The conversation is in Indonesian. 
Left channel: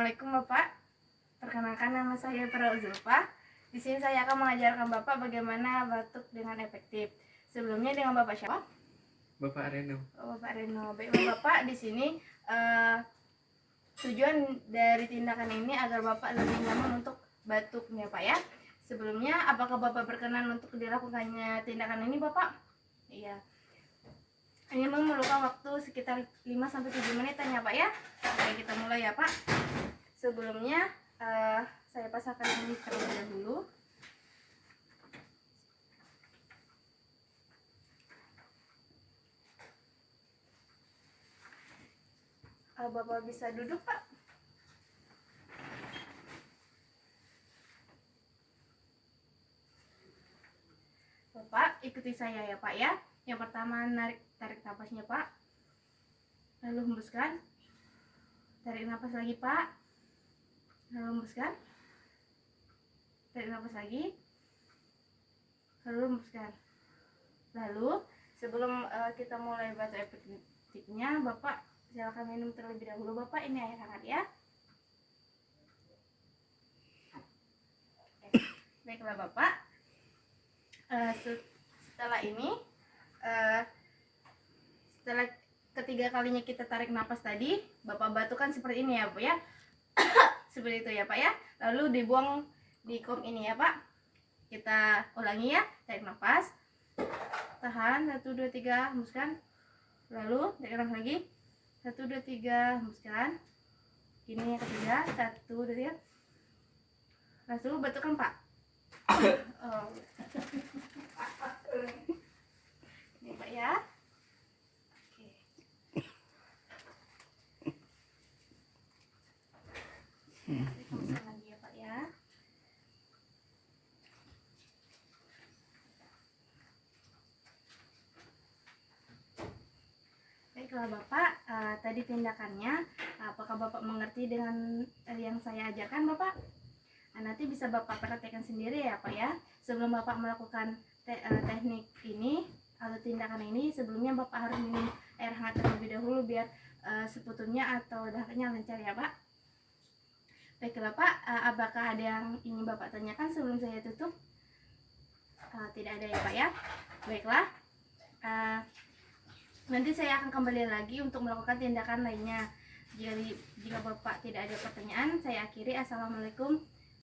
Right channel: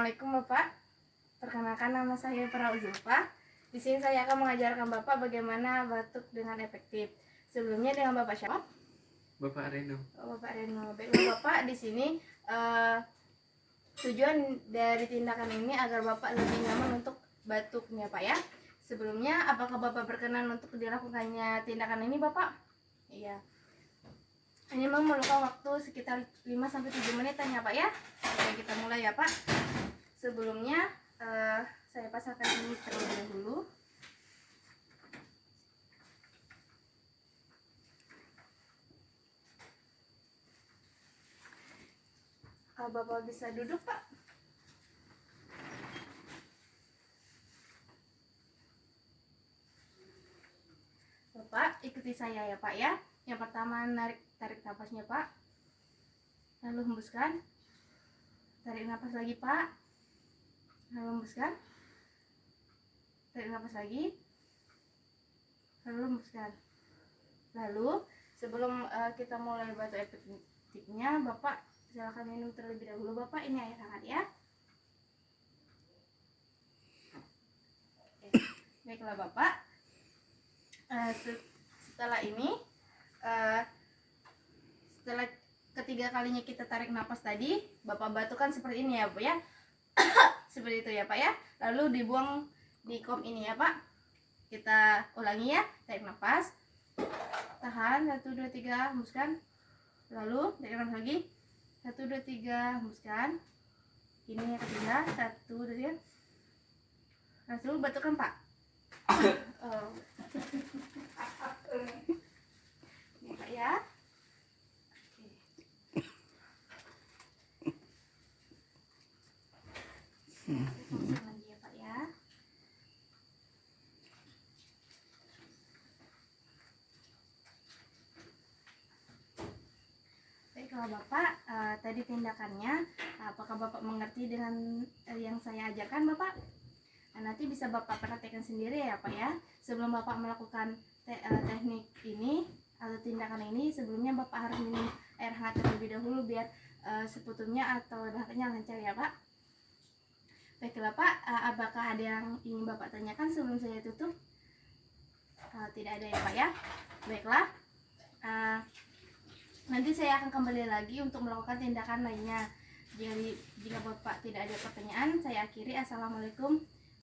Assalamualaikum Bapak. Perkenalkan nama saya Farah Zulfa. Di sini saya akan mengajarkan Bapak bagaimana batuk dengan efektif. Sebelumnya dengan Bapak siapa? Bapak Reno. Oh, Bapak Reno. Baiklah Bapak, di sini tujuan dari tindakan ini agar Bapak lebih nyaman untuk batuknya Pak ya. Sebelumnya, apakah Bapak berkenan untuk dilakukannya tindakan ini Bapak? Iya. Ini memerlukan waktu sekitar 5-7 menitan ya Pak ya. Oke, kita mulai ya Pak. Sebelumnya saya pasangkan ini terlebih dahulu. Bapak bisa duduk Pak. Bapak ikuti saya ya Pak ya. Yang pertama tarik nafasnya Pak, lalu hembuskan. Tarik nafas lagi Pak, lalu hembuskan. Tarik nafas lagi, lalu hembuskan. Lalu sebelum kita mulai batuk efektifnya, Bapak silakan minum terlebih dahulu Bapak. Ini air hangat ya. Oke. Baiklah Bapak, setelah ini setelah ketiga kalinya kita tarik nafas tadi, Bapak batuk kan seperti ini ya Pak ya. Seperti itu ya Pak ya. Lalu dibuang di kom ini ya Pak. Kita ulangi ya. Tarik nafas, tahan 1, 2, 3, hembuskan. Lalu tarik nafas lagi 1, 2, 3, hembuskan. Ini yang ketiga 1, 2, 3. Lalu batukkan Pak. Oh. Ini Pak ya. Oke. Lagi ya Pak ya. Baiklah Bapak, tadi tindakannya, apakah Bapak mengerti dengan yang saya ajarkan Bapak? Nanti bisa Bapak perhatikan sendiri ya Pak ya. Sebelum Bapak melakukan teknik ini atau tindakan ini, sebelumnya Bapak harus minum air hangat terlebih dahulu biar seputunya atau dahaknya lancar ya Pak. Baiklah Pak, apakah ada yang ingin Bapak tanyakan sebelum saya tutup? Tidak ada ya Pak ya. Baiklah, nanti saya akan kembali lagi untuk melakukan tindakan lainnya. Jika Bapak tidak ada pertanyaan, saya akhiri. Assalamualaikum